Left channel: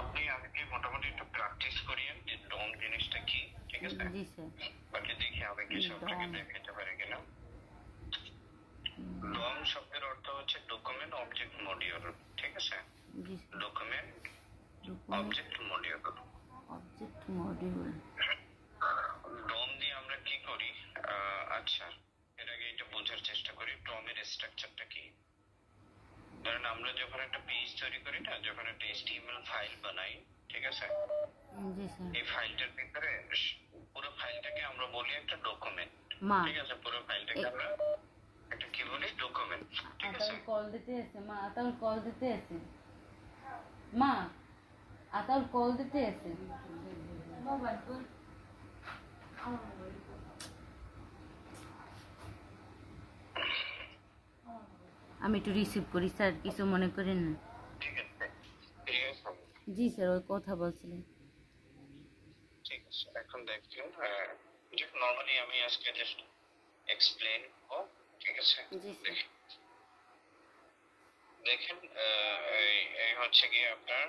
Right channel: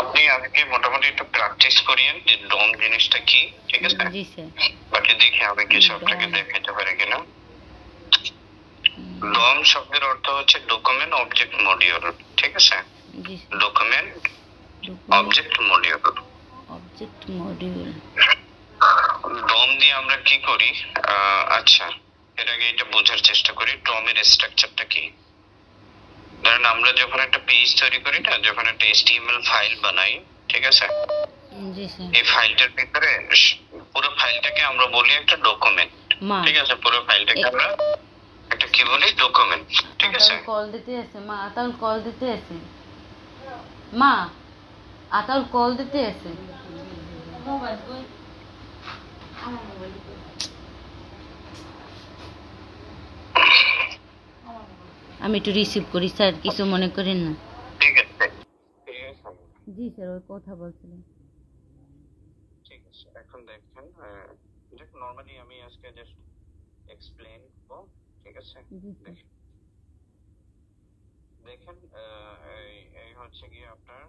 আপনি আজকে মোটামুটি একটু প্র্যাকটিস করিয়েন যে ডম জিনিসটা কি, ঠিক আছে? জি স্যার। বাকি দেখি আমি কিছু আপনাকে দেখাতে পারি কিনা। ডম শব্দের অর্থ হচ্ছে ডকুমেন্ট অবজেক্ট মডিউল, ঠিক আছে? জি sir. Document object module. Object module. DOM দিয়ে আমরা কি করি? আচ্ছা, এর আগে এটা বোঝার চেষ্টা করি ডমের স্ট্রাকচারটা কি। ধরেন আমরা যখন একটা পেজ তৈরি করি না, যখন একটা HTML ফাইল বানাই, ঠিক আছে? জি স্যার। এই ফাইলটার ভিতরে পুরো ফাইলটাকে আমরা বলি একটা ডকুমেন্ট, ঠিক আছে? পুরো ফাইলটাকে আমরা একটা কি বলি? ডকুমেন্ট, ঠিক আছে? কল দিতে আছে মা, আতাউল কল দিতে আছে মা, আতাউল কল দিতে আছে। আমি একটু রিসিভ করি স্যার, কিছু মনে করেন না। ঠিক আছে। জি স্যার, ওই কথা বলছিলেন। ঠিক আছে, এখন দেখেন যে নরমালি আমি আজকে জাস্ট এক্সপ্লেইন করব, ঠিক আছে? জি স্যার। দেখেন এই হচ্ছে কি আপনার,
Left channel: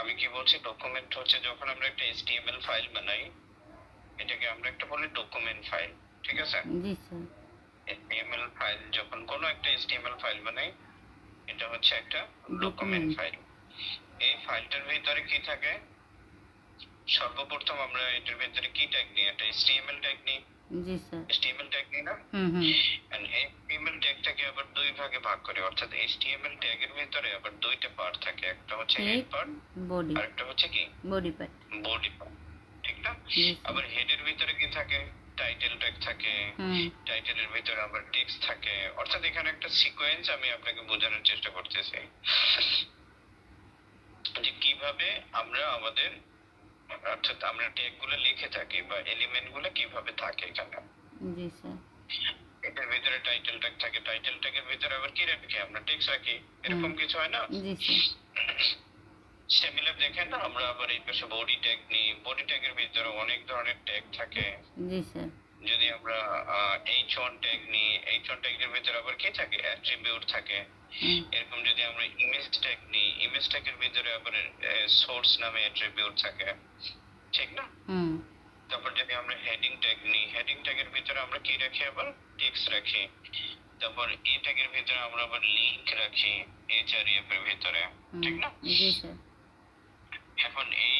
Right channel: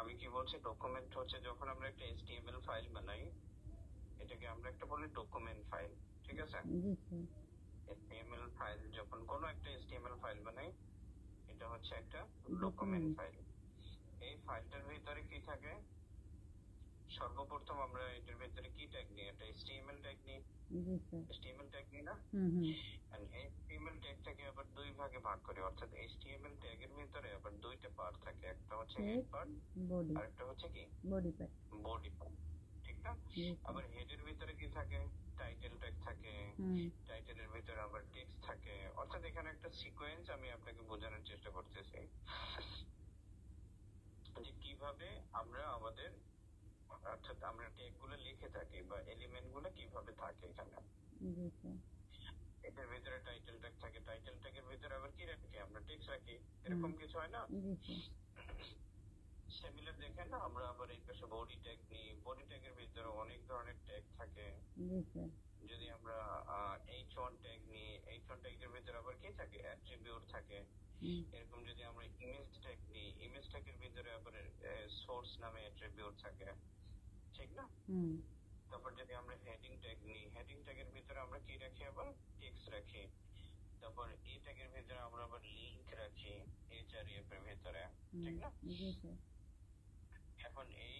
আমি কি বলছি, ডকুমেন্ট হচ্ছে যখন আমরা একটা HTML ফাইল বানাই, এটাকে আমরা একটা বলি ডকুমেন্ট ফাইল, ঠিক আছে? জি স্যার। HTML ফাইল, যখন কোনো একটা HTML ফাইল বানাই, এটা হচ্ছে একটা ডকুমেন্ট ফাইল। এই ফাইলটার ভিতরে কি থাকে? সর্বপ্রথম আমরা এটার ভিতরে কি ট্যাগ নিই? একটা HTML ট্যাগ নিই। জি স্যার। HTML ট্যাগ নিই না? এন্ড HTML ট্যাগটাকে আবার দুই ভাগে ভাগ করি, অর্থাৎ HTML ট্যাগের ভিতরে আবার দুইটা পার্ট থাকে, একটা হচ্ছে হেড পার্ট, বডি, আর একটা হচ্ছে কি? Body part. বডি পার্ট, ঠিক না? আবার হেডের ভিতরে কি থাকে? টাইটেল ট্যাগ থাকে, টাইটেলের ভিতরে আবার টেক্সট থাকে, অর্থাৎ এখানে একটা সিকোয়েন্স আমি আপনাকে বোঝানোর চেষ্টা করতেছি যে কিভাবে আমরা আমাদের, অর্থাৎ আমরা ট্যাগ গুলো লিখে থাকি বা এলিমেন্ট গুলো কিভাবে থাকে এখানে। জি স্যার। এটার ভিতরে টাইটেল ট্যাগ থাকে, টাইটেল ট্যাগের ভিতরে আবার কি রাখি? আমরা টেক্সট রাখি, এরকম কিছু হয় না? জি স্যার। সিমিলার দেখেন না, আমরা আবার এই পাশে বডি ট্যাগ নিই, বডি ট্যাগের ভিতরে অনেক ধরনের ট্যাগ থাকে। জি স্যার। যদি আমরা H1 ট্যাগ নিই, H1 ট্যাগের ভিতরে আবার কি থাকে? অ্যাট্রিবিউট থাকে। এরকম যদি আমরা ইমেজ ট্যাগ নিই, ইমেজ ট্যাগের ভিতরে আবার সোর্স নামে অ্যাট্রিবিউট থাকে, ঠিক না? তারপর যদি আমরা হেডিং ট্যাগ নিই, হেডিং ট্যাগের ভিতরে আমরা কি রাখি? আবার টেক্সট রাখি। তারপর এই ট্যাগের ভিতরে আমরা আবার লিংক রাখি, href এর ভিতরে, ঠিক না? জি স্যার। এখন এই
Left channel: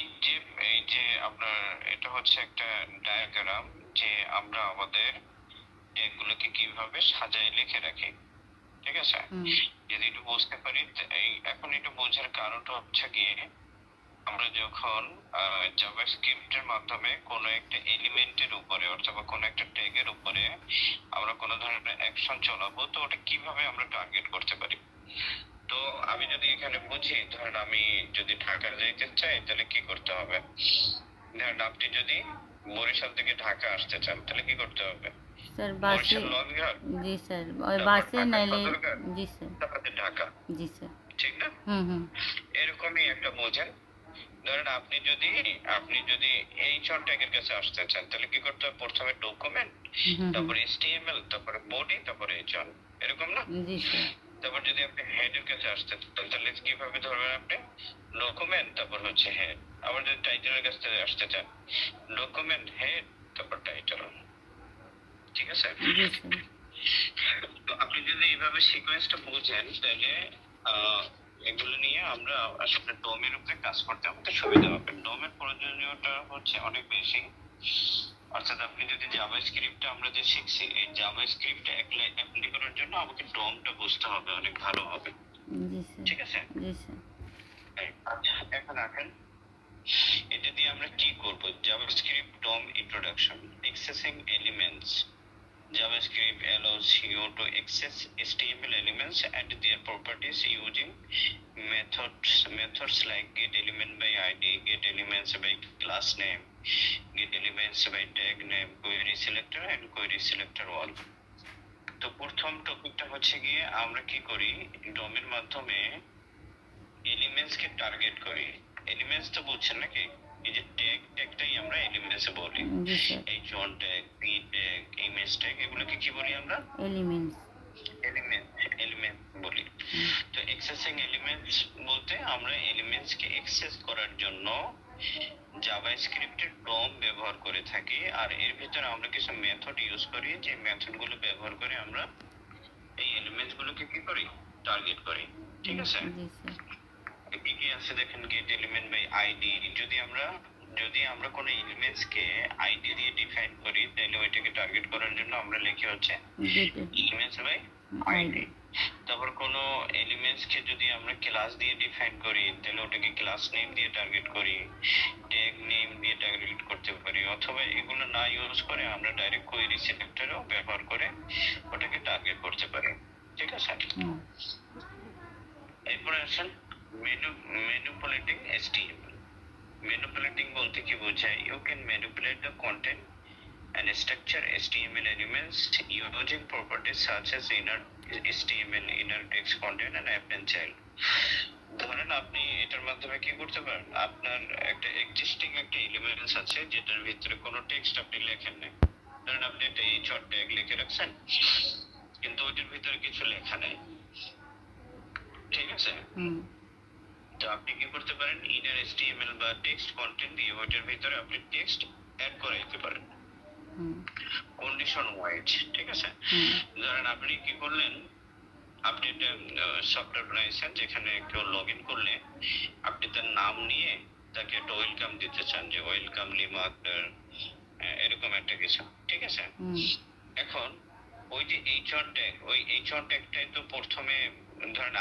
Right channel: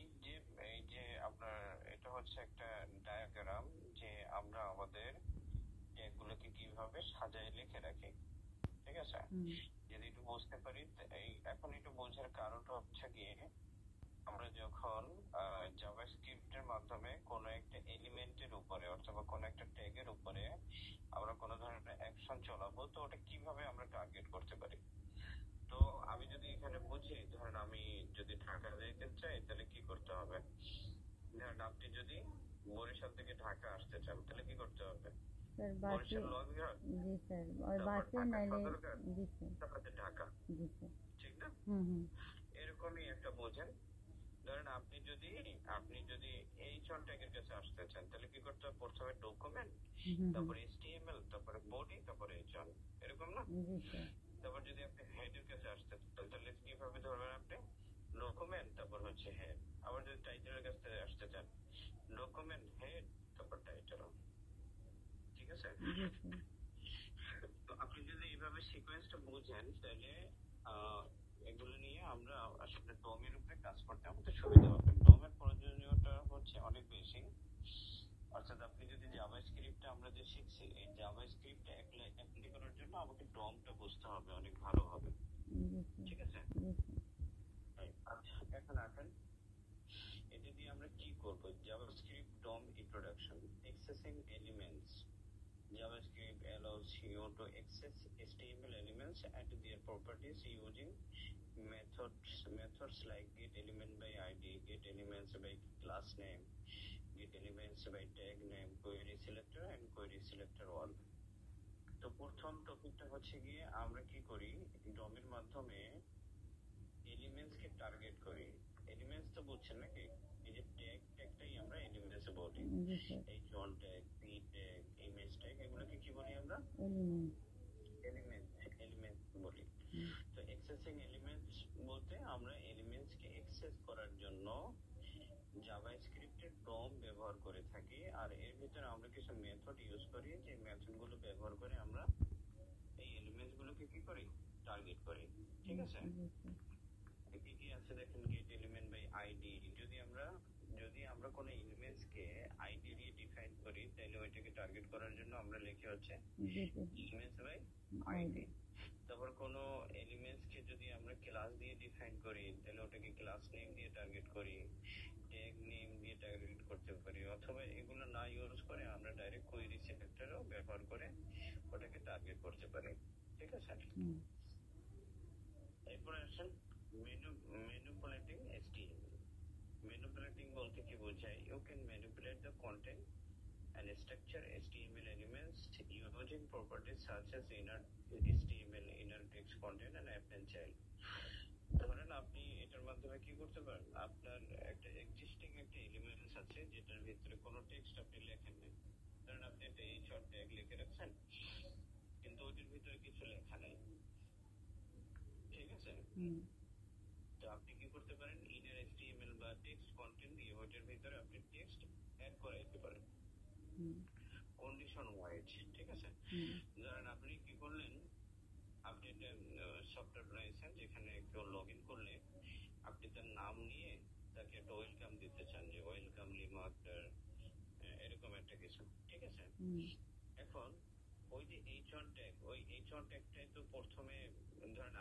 যে আপনার এটা হচ্ছে একটা ডায়াগ্রাম যে আমরা আমাদের ট্যাগগুলোকে কিভাবে সাজায় লিখে রাখি, ঠিক আছে? যদি একটু বুঝতে পারি, এই এখন একটু বোঝার কারণটা হচ্ছে গিয়ে, আমরা যখন জাভাস্ক্রিপ্টের মাধ্যমে কোনো একটা এলিমেন্টের উপরে অথবা কোনো একটা ট্যাগের উপরে আমরা কোনো ধরনের অ্যাকশন চালাবো, তো ওটা কিভাবে আমরা টার্গেট করতে পারি? তো আমি যদি এখানে বুঝি, ধরেন আমি যদি ঢাকা যাইতে চাই, তাহলে কি করতে হবে? ধরেন আপনি যদি বরিশাল থেকে ঢাকা আসতে চান, তাহলে কি করতে হবে? স্যার বাসে। জি স্যার, ওই বাসে নাইলে। জি স্যার। তারপরে ঢাকা। জি স্যার। ঠিক না? এরকমই একটা বোঝেন। ধরেন আপনি যদি H1 ট্যাগের কাছে আসতে চান, তাহলে কি করতে হবে? প্রথমে ডকুমেন্ট, তারপরে HTML, তারপরে বডি, তারপরে H1, এরকম না? জি স্যার। তারপর যদি আপনি হেডের কাছে আসতে চান, তাহলে কিভাবে ধরবেন? আপনি ডকুমেন্ট, তারপর হচ্ছে হেড। আবার যদি টাইটেলের কাছে আসতে চান, ডকুমেন্ট, হেড, তারপর টাইটেল, ঠিক আছে? জি স্যার। তো আপনি যদি এইভাবে সিকোয়েন্সটা বুঝেন, তাহলে এগুলো নিয়ে আমরা আসলে ডোমের উপরে কাজ করতে আমাদের সুবিধা হবে। ডোমের প্রয়োজনীয়তা হচ্ছে অনেক বেশি, অর্থাৎ আপনি যদি জাভাস্ক্রিপ্টটা আমরা যে শিখছি, এই জাভাস্ক্রিপ্ট অ্যাপ্লাই করার জন্য আমাকে ডোমটা বুঝতে হবে অনেক ভালো হবে। জি স্যার। ঠিক আছে? জি স্যার। আচ্ছা, এখন আসেন এটা দিয়ে আমরা কি করব? JavaScript DOM introduction. Accessing elements. JavaScript allows you to access HTML elements and their properties using methods like getElement by ID, getElements by class name, getElements by tag name, querySelector and querySelector1. তো প্রথম টপিকটা হচ্ছে গিয়ে আমরা কি করি? ডোমের মাধ্যমে elements কে target করি। এলিমেন্টস তো বুঝছেন নাকি? এই যে ট্যাগটাই আমরা এলিমেন্টস বলি। H1 tag, p tag, image tag, এগুলোকে কি বলি আমরা? এলিমেন্টস বলি। তো অ্যাক্সেসিং এলিমেন্টস বলতে আমরা এলিমেন্টস কে অ্যাক্সেস করার জন্য জাভাস্ক্রিপ্টের ডম ব্যবহার করে থাকি, আর এর ভিতরে আমরা কিছু মেথড ইউজ করি, যে মেথডগুলো ব্যবহার করে আমরা এই এলিমেন্টস গুলোকে কি করি, টার্গেট করি। ঠিক আছে, জি স্যার। কি কি আছে দেখেন, গেট এলিমেন্ট বাই আইডি। যদি আমরা কোনো এলিমেন্টস কে আইডি দিয়ে ডিফাইন করি, তাহলে ওইটাকে টার্গেট করার জন্য আমরা লিখি হচ্ছে এলিমেন্টস বাই আইডি। তারপর কোনো এলিমেন্টস কে যদি আমরা ক্লাস দিয়ে ডিফাইন করি, তাহলে ওটাকে ক্লাস নেম দিয়ে টার্গেট করি, ট্যাগ নেম দিয়ে টার্গেট করতে পারি, অথবা এগুলো না ইউজ করে আমরা ডাইরেক্ট কোয়েরি সিলেক্টরও ব্যবহার করে ওটাকে টার্গেট করতে পারি। ঠিক আছে, এরপরে আসেন ম্যানিপুলেটিং HTML। ম্যানিপুলেটিং বলতে কি বোঝায়, you can manipulate the content and structure HTML elements using properties such as inner HTML, inner text content and append child। ধরেন আপনি এটার মাধ্যমে কি করতে পারেন, আপনার একটা এক্সিস্টিং একটা এলিমেন্টস আছে যেটার ভিতরে কোনো টেক্সট আপনি লেখেন না, ধরেন আপনি একটা এইচআর ট্যাগ লিখে রাখছেন কিন্তু ওইটার ভিতরে কিছু লেখা নেই। ঠিক আছে, তো আপনি কি করতে পারেন, ইনার HTML বা টেক্সট কন্টেন্ট দিয়ে ওইটার ভিতরে আপনি টেক্সট অ্যাড করে দিতে পারেন কন্ডিশন ওয়াইজ। ঠিক আছে, ধরেন আপনি কি করলেন, আপনি একটা সফটওয়্যার বানাইছেন যেখানে কেউ লগ ইন করলে আপনি তার নাম নিয়ে তাকে একটা ওয়েলকাম দিতে চান, যে ওয়েলকাম লিমা আক্তার, এরকম একটা কিছু। ঠিক আছে, এখন ওই যে এইচআর ট্যাগ, ওই এইচআর ট্যাগটাই তো প্রথমে, ধরেন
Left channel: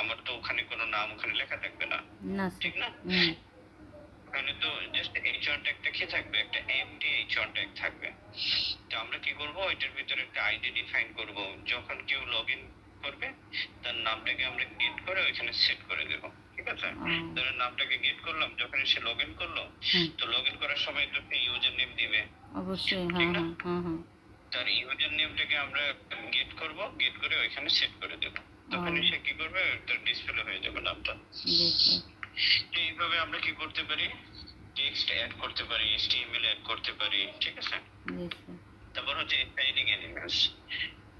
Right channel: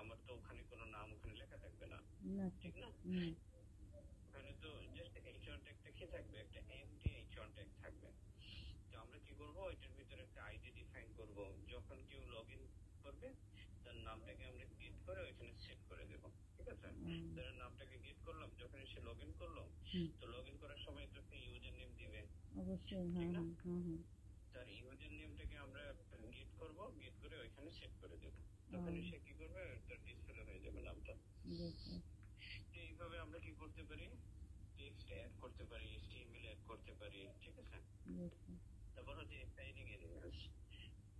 আমার তো ওখানে কোনো নাম ওখানে লেখা থাকবে না, ঠিক না, ওখানে তো জাস্ট এইচআর ট্যাগটা কি থাকবে, একটা এমটি এইচআর ট্যাগ থাকবে। তো আমরা কি করব, ওইটার ভিতরে একটা আইডি ডিফাইন করব, যখন কেউ লগইন করবে তার নামটাকে আমরা গেট করে ওইখানে সেট করে দেব। ঠিক আছে, ধরেন নামটাকে গেট করলাম, যখন সে লগইন করলো তো লগইন করার সময় তো সে ইউজার নেম দিবে অবশ্যই, তার ইউজার নেমটাকে আমরা গেট করব, গেট করে ওইখানে সেট করে দেব, তখন সে কি করবে, তার ডিসপ্লে হয়ে যাবে নামটা। এইভাবে আমরা কি করতে পারি, টেক্সট অ্যাড করতে পারি, HTML অ্যাড করতে পারি। ঠিক আছে, তারপর হচ্ছে স্টাইলিং এলিমেন্টস।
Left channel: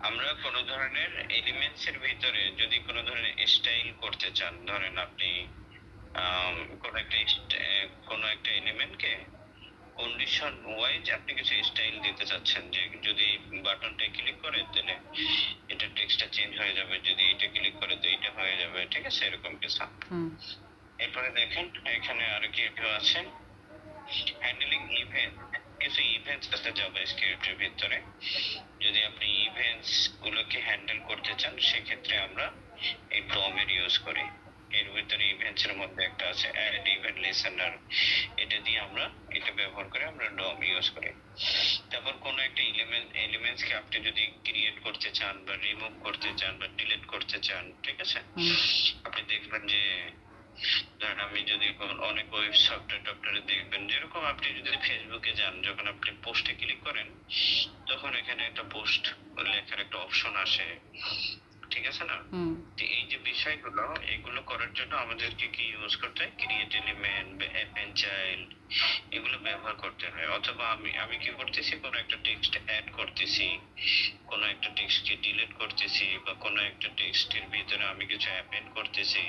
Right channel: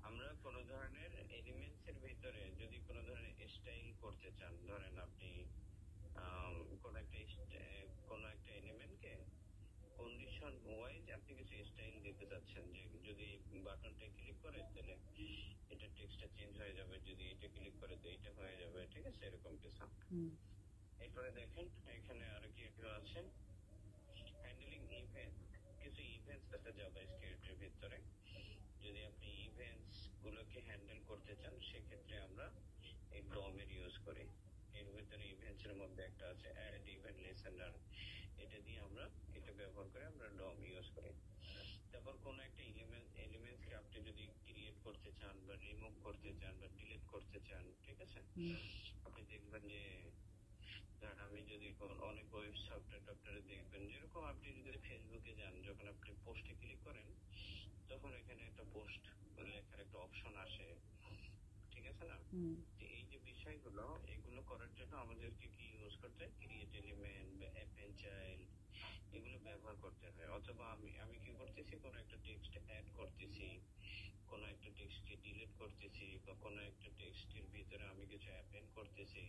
আমরা কোনো ধরনের এলিমেন্টস এর ভিতরে যদি কোনো ধরনের স্টাইল করতে চান, ধরেন আপনি কোনো একটা এলিমেন্টকে কন্ডিশন ওয়াইজ আপনি কিছু স্টাইল দিতে চাচ্ছেন, যে যদি বাটনটা ক্লিক করে তাহলে এটা টেক্সটটা চেঞ্জ হয়ে যাবে, যদি এটা ক্লিক করে তো এটা হয়ে যাবে। ঠিক আছে, এরকম কিছু। এরপরে দেখেন এখানে আর কি আছে, হ্যান্ডলিং ইভেন্ট। কিছু ইভেন্টস আছে জাভাস্ক্রিপ্টের ভিতরে, যদি আপনি ইভেন্টস গুলোকে হ্যান্ডেল করতে চান সেক্ষেত্রে আমরা এই ডম এর ইউজ করি। এর ভিতরে ইভেন্টস এর মধ্যে একটা আছে অ্যাড ইভেন্ট লিসেনার, এটা দিয়ে আমরা এটা ব্যবহার করে আমরা ডম ইউজ করি। তারপর কোন একটা এলিমেন্টস কে আপনি যদি ক্রিয়েট করতে চান বা রিমুভ করতে চান বা ডিলিট করতে চান, ঠিক আছে, আপনি দেখবেন যে ধরেন আমি যদি অনেক ওয়েব সফটওয়্যারে দেখবেন, যেরকম আপনি যদি ফেসবুকে যান, যখন আপনি পোস্টে ক্লিক করেন তখন এখানে একটা পোস্ট লেখার একটা অপশন আসে। ঠিক আছে না, তো এই যে বিষয়গুলো, এগুলো করার জন্য আমাদেরকে কি ইউজ করতে হয়, ক্রিয়েট এলিমেন্ট বা অ্যাপেন্ড চাইল্ড, এগুলো ব্যবহার করতে হয়। অথবা আমি কি করতেছি, কোনো একটা টেক্সট অ্যাড করতেছি, কোনো একটা টেক্সটকে ডিলিট করতেছি, বা কোনো একটা টেক্সটের ভিতরে আমি কিছু অ্যাপেন্ড করতেছি,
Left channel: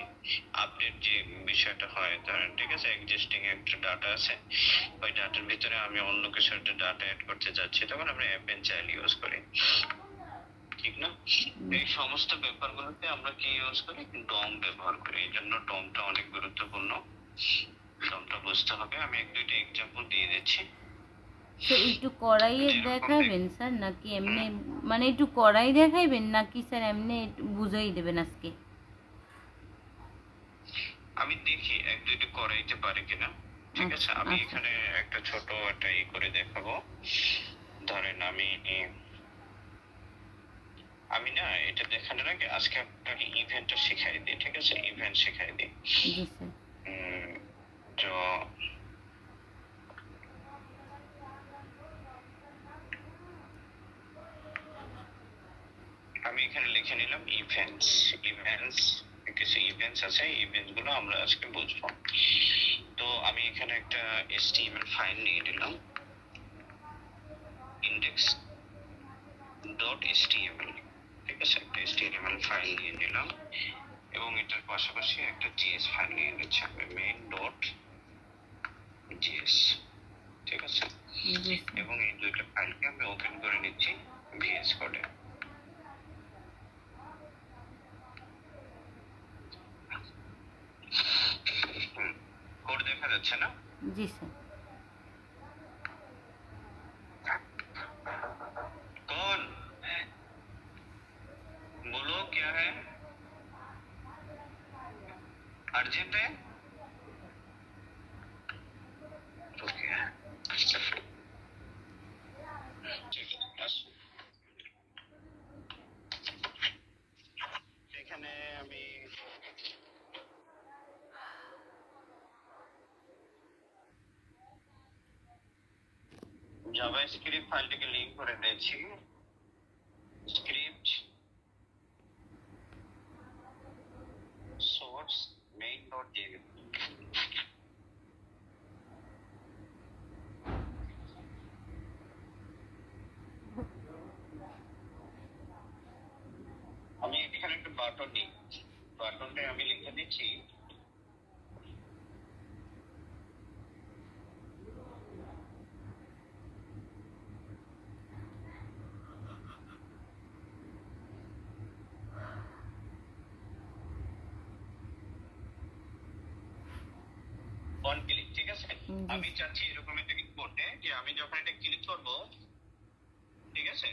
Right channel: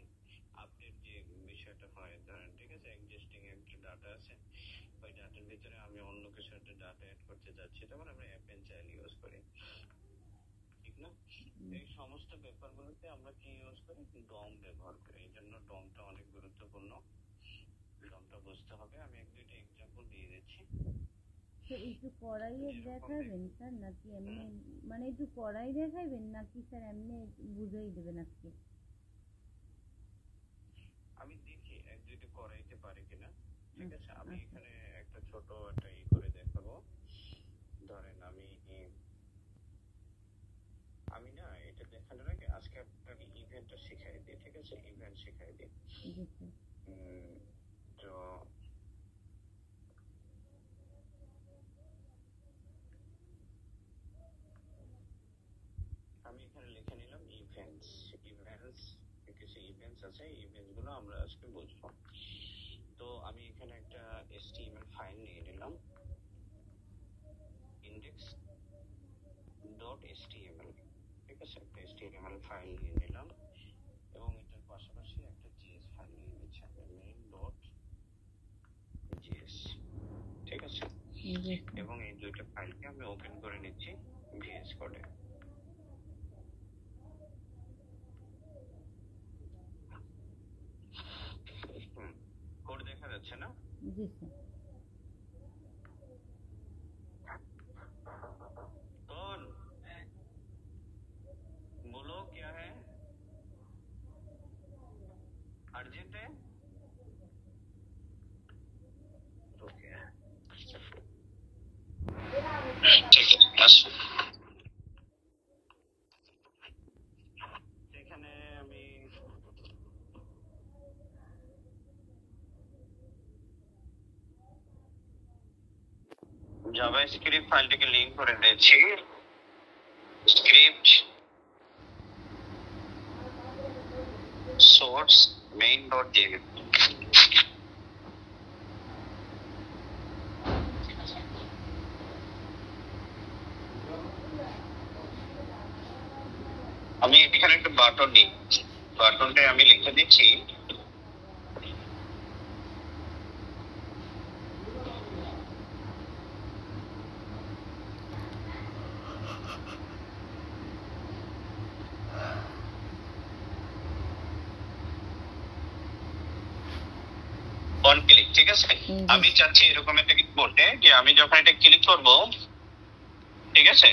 আপডেট যে বিষয়টা হয়, ধরেন ঠিক আছে, এক্সিস্টিং একটা ডাটা আছে, ওই ডাটার ভিতরে আমি অন্য কিছু একটা ডাটা অ্যাড করতে যাচ্ছি, তখন আমরা অ্যাপেন্ড চাইল্ড ইউজ করি। ঠিক না, এই সমস্ত ব্যাপারগুলোতে আমরা কি ইউজ করি, ডম ব্যবহার করি। এই জন্য ডমটা অনেক গুরুত্বপূর্ণ, ডমটা বুঝতে হবে। আমি এক দুইটা এক্সাম্পল দিয়ে দিচ্ছি। স্যার একটু কড়াইয়ে দেখাবেন স্যার, নাকি এমনি, মানে একটু কড়াই দেখাইবেন নাকি স্যার এমনি বুঝাই দেবেন আজকে? আমি দেখি এক দুইটা করাইতে পারি কিনা। ঠিক আছে, আমি এখানে একটা ছোট একটা করে দেখাবো। ধরেন আমি না এটা দেখানোর আগে আজকে আপনাকে ইভেন্টটা শেখাই দিই। ঠিক আছে, ইভেন্ট শেখাই দিই। তো আমি এখানে লিখে নিলাম ইভেন্টস। কিছু ইভেন্টস আছে, ইভেন্টস গুলো আমরা আজকে বুঝবো। তো আমি এখানে একটা HTML ফাইল নিয়ে নিলাম, index.html। ঠিক আছে, একটা HTML ফাইল নিয়ে নিলাম। এবং এটার পাশাপাশি একটা জিএস ফাইল নিয়ে নিচ্ছি আমি, মেইন ডট জিএস। ঠিক আছে, এবং এই দুইটা ফাইলকে আমি ওপেন করে নিচ্ছি ভিএস কোডে। কোড দেখা যাচ্ছে না? জি স্যার। कौन बोलो, क्या है, अर्जेंट है? ओके ঠিক আছে, আসো। এখানে আমি জাভাস্ক্রিপ্ট ফাইলটিকে লিংক করে দিয়েছি, script source main dot JS. আমি এখানে একটা বাটন নিই, বাটনটা আমি লিখে দিচ্ছি অন ক্লিক। ঠিক আছে, আমি চাচ্ছি এরকম একটা কিছু বলতে যে আমি যখন এটা ক্লিক করব, ঠিক আছে,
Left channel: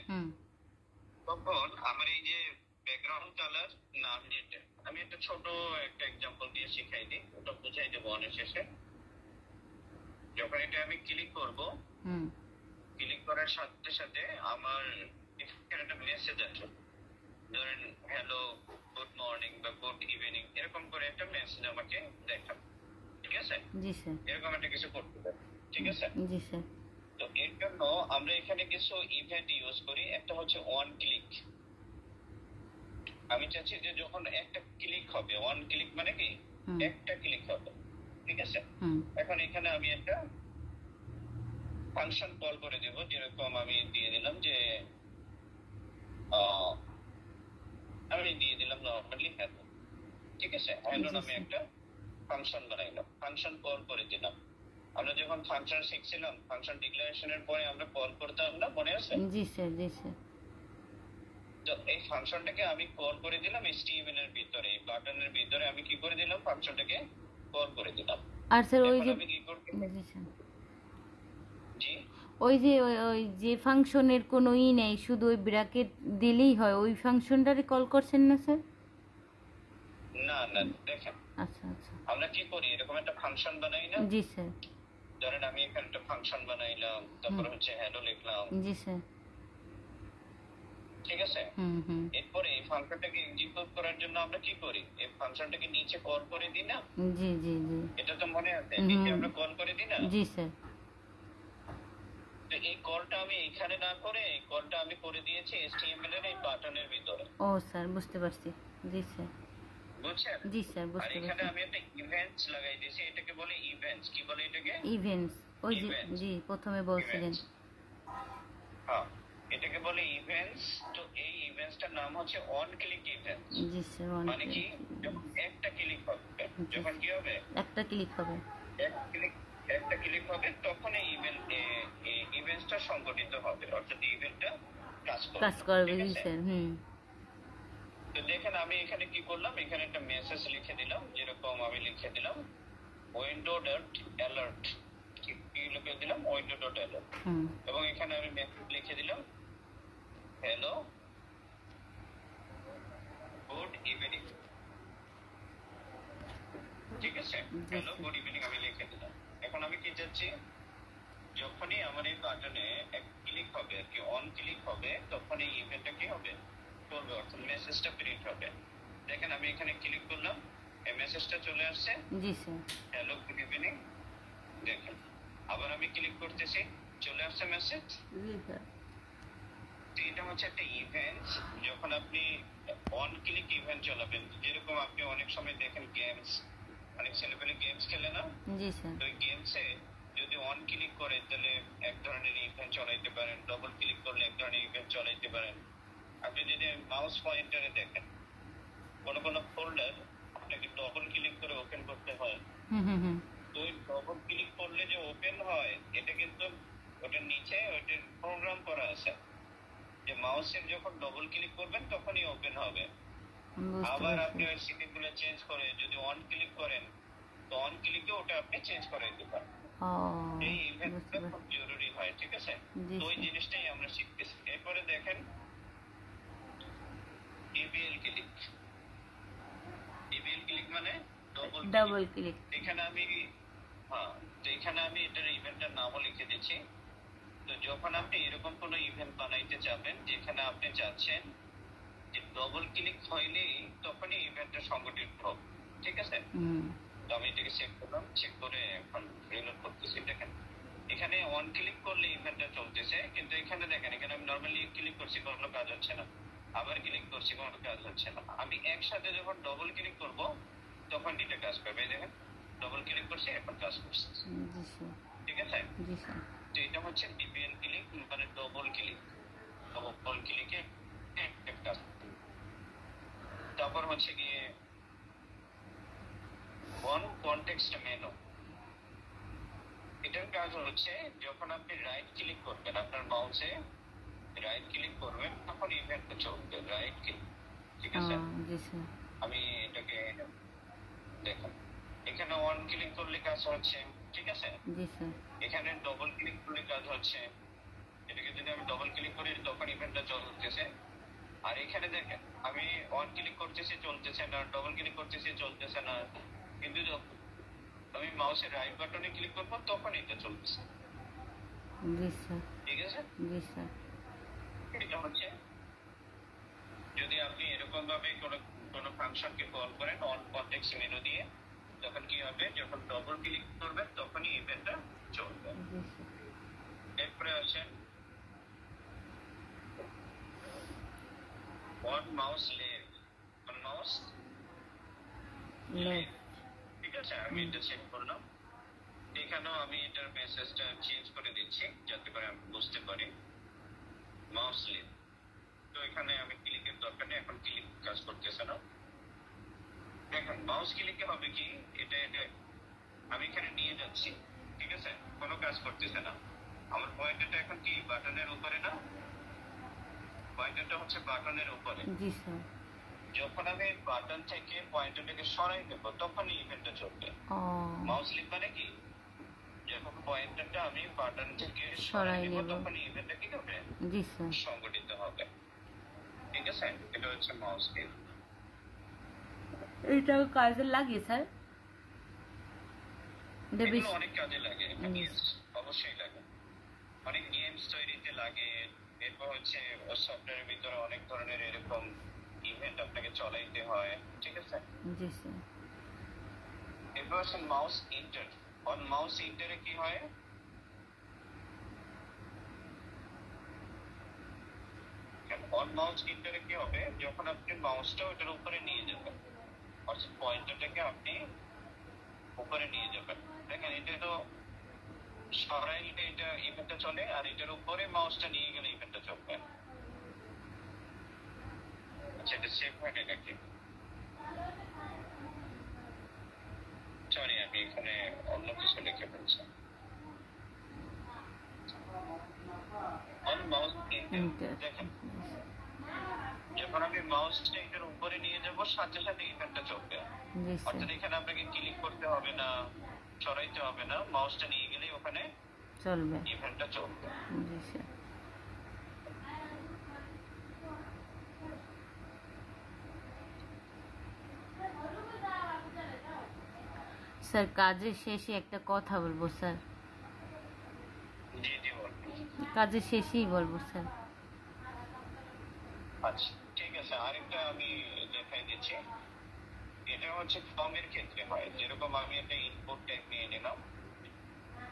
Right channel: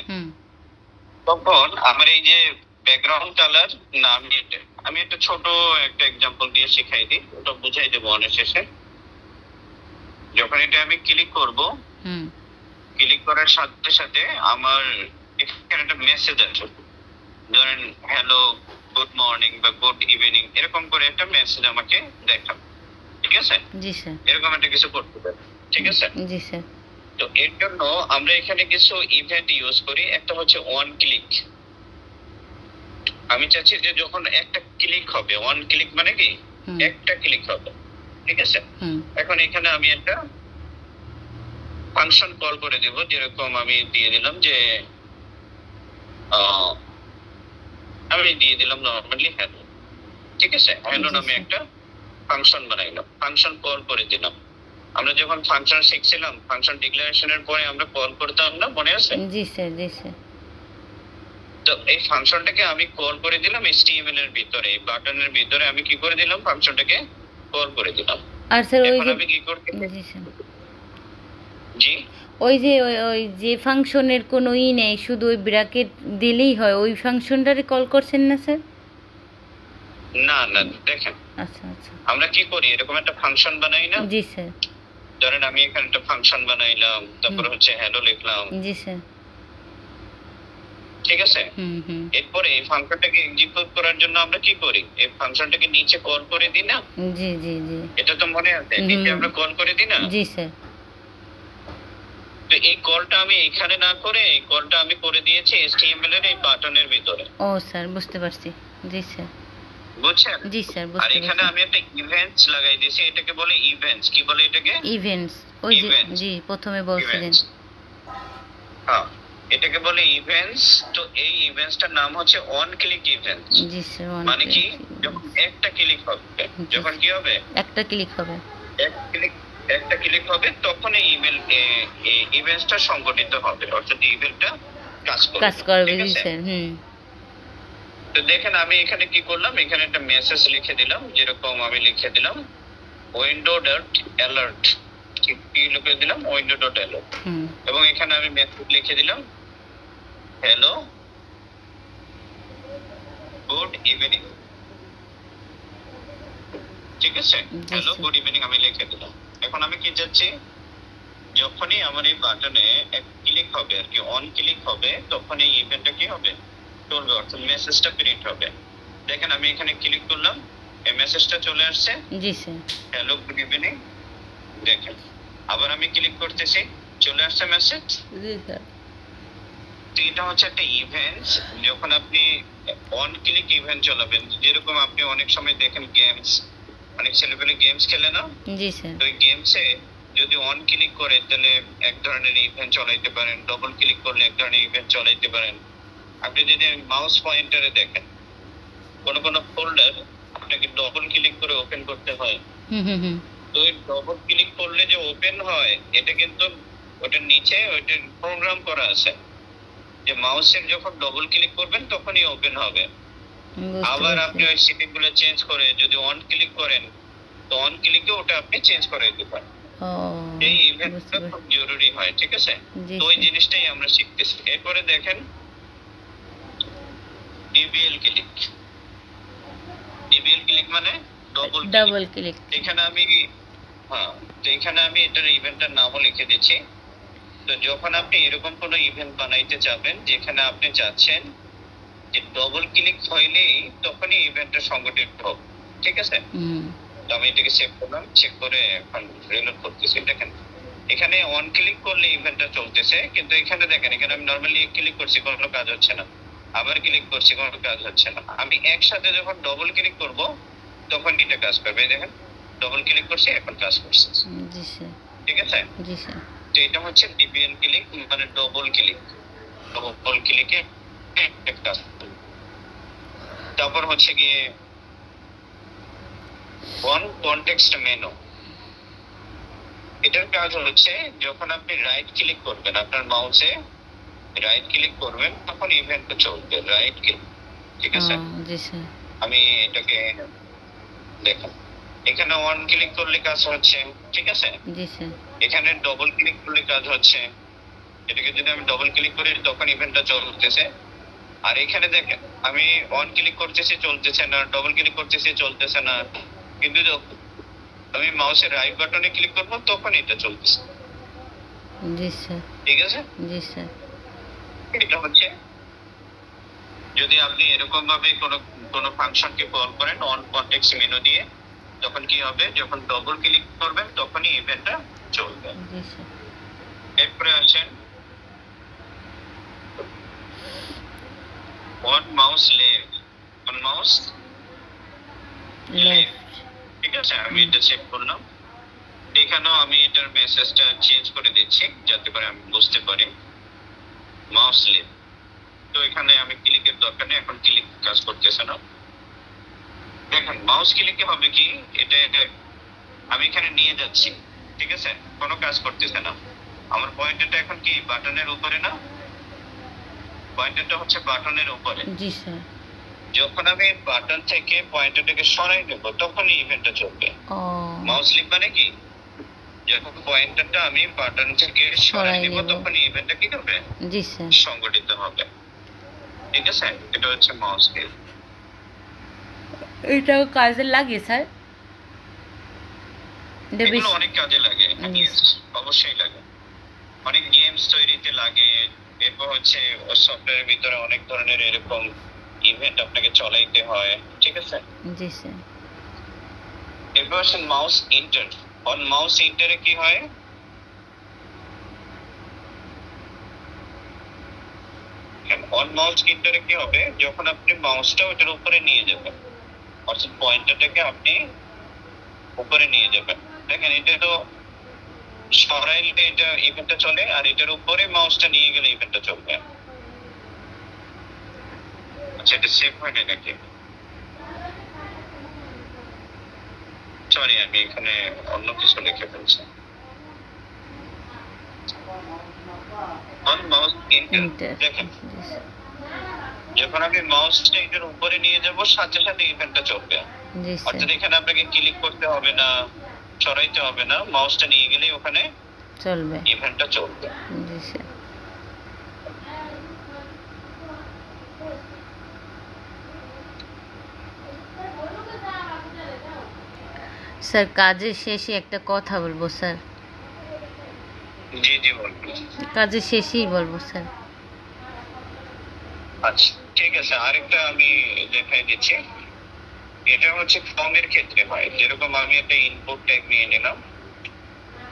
তখন আমার এই যে ব্যাকগ্রাউন্ড কালার না, আমি একটা ছোট একটা এক্সাম্পল দিয়ে শিখাই দিই, ওটা বুঝাই দেবো অনেক শেষে। যখন এটা আমি ক্লিক করব, ক্লিক করার সাথে সাথে আমার এখানে একটা মেসেজ আছে, ধরেন হ্যালো, গুড মর্নিং বা গুড ইভিনিং, এরকম করে একটা মেসেজ আমাকে দেখাবে। ঠিক আছে, জি স্যার, এরকম একটা কিছু করতে পারে। ঠিক আছে, জি স্যার। তো এর জন্য আমরা এখানে কিছু ইভেন্ট ইউজ করি। একটা হচ্ছে ওয়ান ক্লিক। আমি চাচ্ছি যে যখন একটা ক্লিক হবে, ওয়ান ক্লিক মানে কি একটা ক্লিক হবে। ঠিক আছে, এখন এখানে আমি একটা ফাংশন কল করে দেব, যেরকম আমি দিয়ে দিলাম যে আমি দিয়ে দিলাম নরমালি হ্যালো। ঠিক আছে, হ্যালো নামে একটা ফাংশন বানাইলাম, ফাংশন কল করে দিলাম। আমরা যখন ফাংশন শিখছিলাম, ফাংশন ডিক্লারেশনের পরে আমরা কল করতাম না, মনে আছে? জি স্যার, জি স্যার। তো এই ফাংশনটাকে আমি কল করে দিলাম HTML এর ভিতরে, বাটনের ভিতরে আমি কি করে দিলাম, ফাংশনটাকে কল করে দিলাম। আর স্যার ওই যে আমি কি করতে, জি স্যার, জি ওই যে ওই যে ফাংশনের কোনো নেই, শুধু ওই ব্র্যাকেট দিলেই হয়, ওই ফাংশনটারে কল করছেন না স্যার? না না, দেখেন, আচ্ছা আচ্ছা, আমরা কি করি, এরকম একটা ফাংশন বানাই না? জি স্যার। ধরেন আমি এখানে একটা ফাংশন বানাইলাম, তারপর হচ্ছে হ্যালো লিখলাম। জি স্যার। ঠিক আছে, এরপরে এই ফাংশনটাকে এক্সিকিউট করার জন্য আমরা কি করি, এই ফাংশনটাকে নিচে কল করে দিই না? জি জি জি, এটা তো মনে আছে, নিচে আমরা কল করে দিই না? জি স্যার। তো এই কলটা আমি এখানে না করে, এই কলটা আমি করে দিয়েছি HTML এর এই বাটনের ভিতরে। ও স্যার, বুঝতে পারছি। জি স্যার, বুঝছেন? জি স্যার, আর বুঝতে এখানে পারছি। আমি একটা ইভেন্টস লাগাই দিয়েছি, এটাকে বলে ইভেন্টস। কি বলে এটাকে? ইভেন্টস। ওই যে জি প্রথমে বলছিলেন। হ্যাঁ, এটাকে বলে ইভেন্টস। তো এই ইভেন্টসটার নাম হচ্ছে on click events. G sir, মানে কি, যখন একটা ক্লিক হবে, যখন কি হবে, একটা ক্লিক হবে, একটা ক্লিক হবে, তখন এই ইভেন্টসটা সংগঠিত হবে, অর্থাৎ ইভেন্টটা কাজ করবে। জি স্যার। তো দেখেন আমি এখানে কি করলাম, এখানে একটা মেসেজ লিখে দিলাম, যেরকম আমি লিখে দিলাম উইন্ডো ডট অ্যালার্ট। কি লিখে দিলাম, উইন্ডো ডট অ্যালার্ট। এবং এখানে আমি মেসেজ লিখে দিলাম হ্যালো, গুড ইভিনিং। ঠিক আছে, হ্যালো, গুড ইভিনিং আমি লিখে দিলাম। এখন আমি কি চাচ্ছি, যখনই আমার এই বাটনে এক ক্লিক হবে আর কি, অন ক্লিক হবে, তখন এই ইভেন্টটা কি হবে, চলবে, অর্থাৎ মেসেজটা প্রিন্ট হবে। দেখেন আমি এখানে ক্লিক করলাম, এই মেসেজটা চলে আসছে। জি স্যার, হ্যালো, গুড ইভিনিং। দেখেন আবার আমি ক্লিক করতেছি, চলে আসছে মেসেজ। জি স্যার। তো এটা হচ্ছে একটা ইভেন্ট। যখন আপনি অন ক্লিক ইভেন্ট চালাবেন, যেরকম আপনি অনেক সময় দেখেন গেমস, অনেক ছেলেপেলে গেমস খেলে না? জি স্যার। তো এই গেমসে যদি অন ক্লিক করে তাহলে এক ধরনের ইভেন্ট চালাইতে পারেন, ডবল ক্লিক করলে এক ধরনের ইভেন্ট চালাইতে পারেন। আপনি যদি মাউস পয়েন্টারে দেখেন, কোন ফোল্ডার আপনাকে ডবল ক্লিক করে ওপেন করতে হয়। হুম হুম হুম তো ওই ডবল ক্লিক করলে যে ওপেন হয়, এটা কিন্তু ওটার নিচে ওইটার প্রোগ্রাম করা আছে যে মাউসের যখন ডবল ক্লিক করবেন তখনই ওপেন হবে। বুঝতে আবার পারছি। আপনি ওই সেটিংগুলো চেঞ্জ করে যদি অন ক্লিক করেন, তো অন ক্লিকে ওটা আপনি চেঞ্জ করে দিতে পারেন। ও এই বুঝতে ইভেন্টটা পারছি। খুব জরুরি হয়, ঠিক আছে? জি তো ওই স্যার। জিনিসটাই আমরা শিখতেছি। এরপরে দেখেন ডিবিএল ক্লিক। ডিবিএল ক্লিক মানে ডবল ক্লিক। Double click. এখানে আমি তো এখানে আমি এটার ইভেন্টের নামও লিখে দিচ্ছি। তো যখন আপনি এরকম কোনো ইভেন্ট বানাইতে যাবেন যেখানে আপনি চাচ্ছেন যে ডবল ক্লিক হইলেই তখনই ইভেন্টটা সংগঠিত হবে, ঠিক আছে? হুম তো আমি এটাকে সেভ করলাম, চেক করে এখন রিলোড করতেছি। দেখেন এখানে অন ক্লিক করলে ইভেন্টটা চলতেছে, কিন্তু এখানে দেখেন এখানে আমি নরমালি ক্লিক করছি, কোনো কাজ হচ্ছে না। আবার ক্লিক করছি, কোনো কাজ হচ্ছে না। আমি একসাথে যখন ডবল ক্লিক করব তখন এটা কাজ করবে। এই দেখেন ডবল ক্লিক করছি, এখন কাজ করছে, জি স্যার। ঠিক আছে? জি স্যার। তো এটা হচ্ছে ডিবিএল ক্লিক মানে ডবল ক্লিক। ডবল ক্লিকে কাজ করবে। তারপর হচ্ছে গিয়ে অন কনটেক্সট মেনু। এটার কাজ হচ্ছে যখন আপনি রাইট ক্লিক করবেন, আপনার মাউসে রাইট ক্লিক করবেন তখন ইভেন্টটা চলবে। রাইট ক্লিক, ঠিক আছে? জি স্যার। আমি এটাকে দেখেন এখানে অন ক্লিক করলে কাজ হচ্ছে, ঠিক আছে? জি স্যার। এখানে ডবল ক্লিক করলে কাজ হচ্ছে। এটাকে যদি আমি ডবল ক্লিক করি তখন ইভেন্টটা চলতেছে। আর এখানে দেখেন আমি অন ক্লিক করতেছি, চলতেছে না। ডবল ক্লিক করতেছি, চলতেছে না। কিন্তু যখন আমি মাউসের রাইট বাটনে ক্লিক করব তখন এটা চলতেছে, জি স্যার। ঠিক আছে? জি স্যার। এটা হচ্ছে যদি আপনি এরকম ভাবে কোনো কোনো ফাংশনকে কল করেন অন কনটেক্সট মেনু দিয়ে, তখন কি হবে? যখন ডবল ক্লিক করবেন তখনই ইভেন্টটা চলবে। জি স্যার। এরপরে আসেন on mouse left. On mouse left. ঠিক আছে? আমি এটা চেক করলাম। এখানেও আমি এটার মেসেজটা চেঞ্জ করে দিচ্ছি যাতে করে আমি বুঝতে পারি। Mouse left. তো এখানে আমি ক্লিকের দরকার নেই, এখন ক্লিক কাজ করতেছে না। দেখেন মাউস ক্লিকে হবে কি, এটা আমি এখানে নিয়ে যাচ্ছি, ঠিক আছে? কোনো কাজ করতেছে না। আমার পয়েন্টারটা এখন কি বাটনের উপরে না? পয়েন্টারটা হচ্ছে বাটনের উপরে। জি স্যার। যখন আমি বাটন থেকে পয়েন্টারটাকে সরাই দেব তখনই ইভেন্টটা চলবে। ও মাউস ক্লিক মানে কি, যখন পয়েন্টারটা আমি বাটন থেকে সরাই দেব তখনই ইভেন্টটা কি করবে? জি স্যার। সংগঠিত হবে, ঠিক আছে? এটা হচ্ছে মাউস ক্লিক। এটাও কাজে লাগে স্যার? এগুলো অনেক কাজে লাগে, অবশ্যই লাগে। অনেক গেমস তৈরিতে লাগে। এরপর হচ্ছে সফটওয়্যারের ভিতরে অনেক ধরনের এরকম ইভেন্ট আপনাকে চলাইতে হয়, ঠিক আছে? জি স্যার। এরপর হচ্ছে মাউস ইন্টার। অন মাউস ইন্টারে কি হয়? অন মাউস ইন্টারে কি হবে? যখন আপনি মাউসটা ওটার উপরে নিয়ে যাবেন, অর্থাৎ পয়েন্টারটাকে আপনি উপরে নিয়ে যাবেন। দেখেন এটা তো সরাইলে এটা ইভেন্টটা চলে, আর এটার উপরে মাউসটা নিয়ে গেলে ইভেন্টটা চলবে। আচ্ছা এটা সেভ হয় না নাকি? সরি আমি এখানে অন্য কিছু লিখে ফেলছি। On mouse inter. দেখেন যখন আমি মাউসটা এটার উপরে নিয়ে যাব সাথে সাথে ইভেন্টটা চলবে। অর্থাৎ এখানে আপনাকে ক্লিক করতে হবে না, সরাইতে হবে না, মাউসটা নিয়ে গেলেই ওখানে চলবে, ইভেন্টটা চলবে। জি স্যার। স্যার কাজের শেষে একটা কথা বলবো স্যার। জি জি বলুন। কাজের শেষেই বলবো স্যার। আচ্ছা ঠিক আছে, আরেকটা আমি দেখাই দিচ্ছি। এটা হচ্ছে ফর্মের ক্ষেত্রে হয়, যেরকম আমি একটা ইনপুট ট্যাগ নিয়ে নিলাম,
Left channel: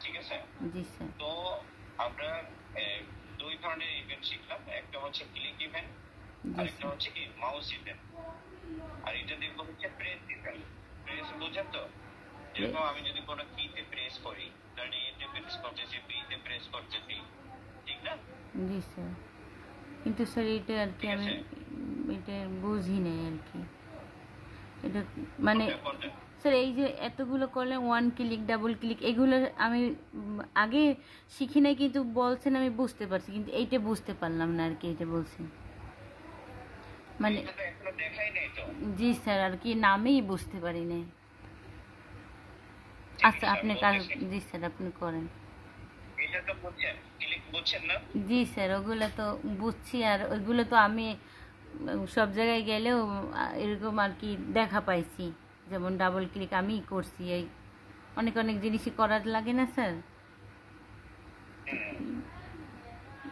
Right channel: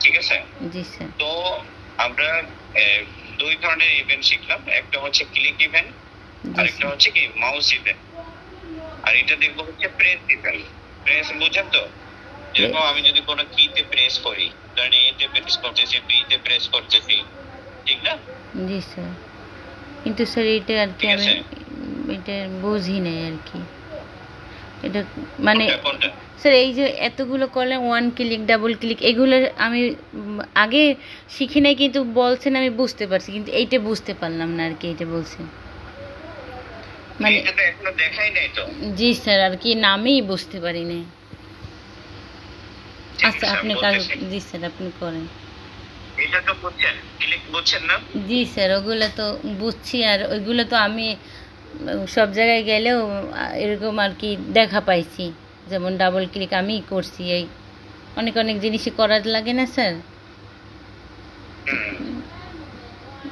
ঠিক আছে? জি স্যার। তো আমরা দুই ধরনের ইভেন্ট শিখলাম, একটা হচ্ছে ক্লিক ইভেন্ট, আরেকটা হচ্ছে কি মাউস ইভেন্ট। আর এটা দেখবো হচ্ছে প্রেস ইভেন্ট। প্রেস বুঝেন তো? যেরকম আমি যদি কোনো কিতে প্রেস করি, ধরেন এ তে প্রেস করতেছি, বি তে প্রেস করতেছি, ঠিক না? জি স্যার। কিন্তু স্যার এটা আর কি আমি এটা বুঝি নাই আর কি। এটা মানে কোনটা স্যার এই যে এতগুলো করলে 1 ক্লিক ডাবল ক্লিক এগুলো আমি আগে শিখি নাই, কিন্তু বলছেন আমি বুঝতে পারছি, কিন্তু এইটা বুঝতে পারলাম না আর কি, এইটা বলছেন মানে। এটা তো এখনো দেখাই নাই তো। জি স্যার, আর কি নামেই বুঝতে পারি নাই। ঠিক আচ্ছা আছে, আপনি আমি কাজ, বলতেছি। জি স্যার আপনি করেন। এটা তো বুঝছেন, ক্লিক বুঝছেন না? জি স্যার ওগুলো তো বুঝছি, আর ওইগুলো তো আমি সব জায়গায় গেলেও এরকম আর কি দেখা পাইছি, যেমন ডাবল ক্লিক আমি করছি, এই অনেক অনেক জিনিসই করার লাগে না স্যার। হুম,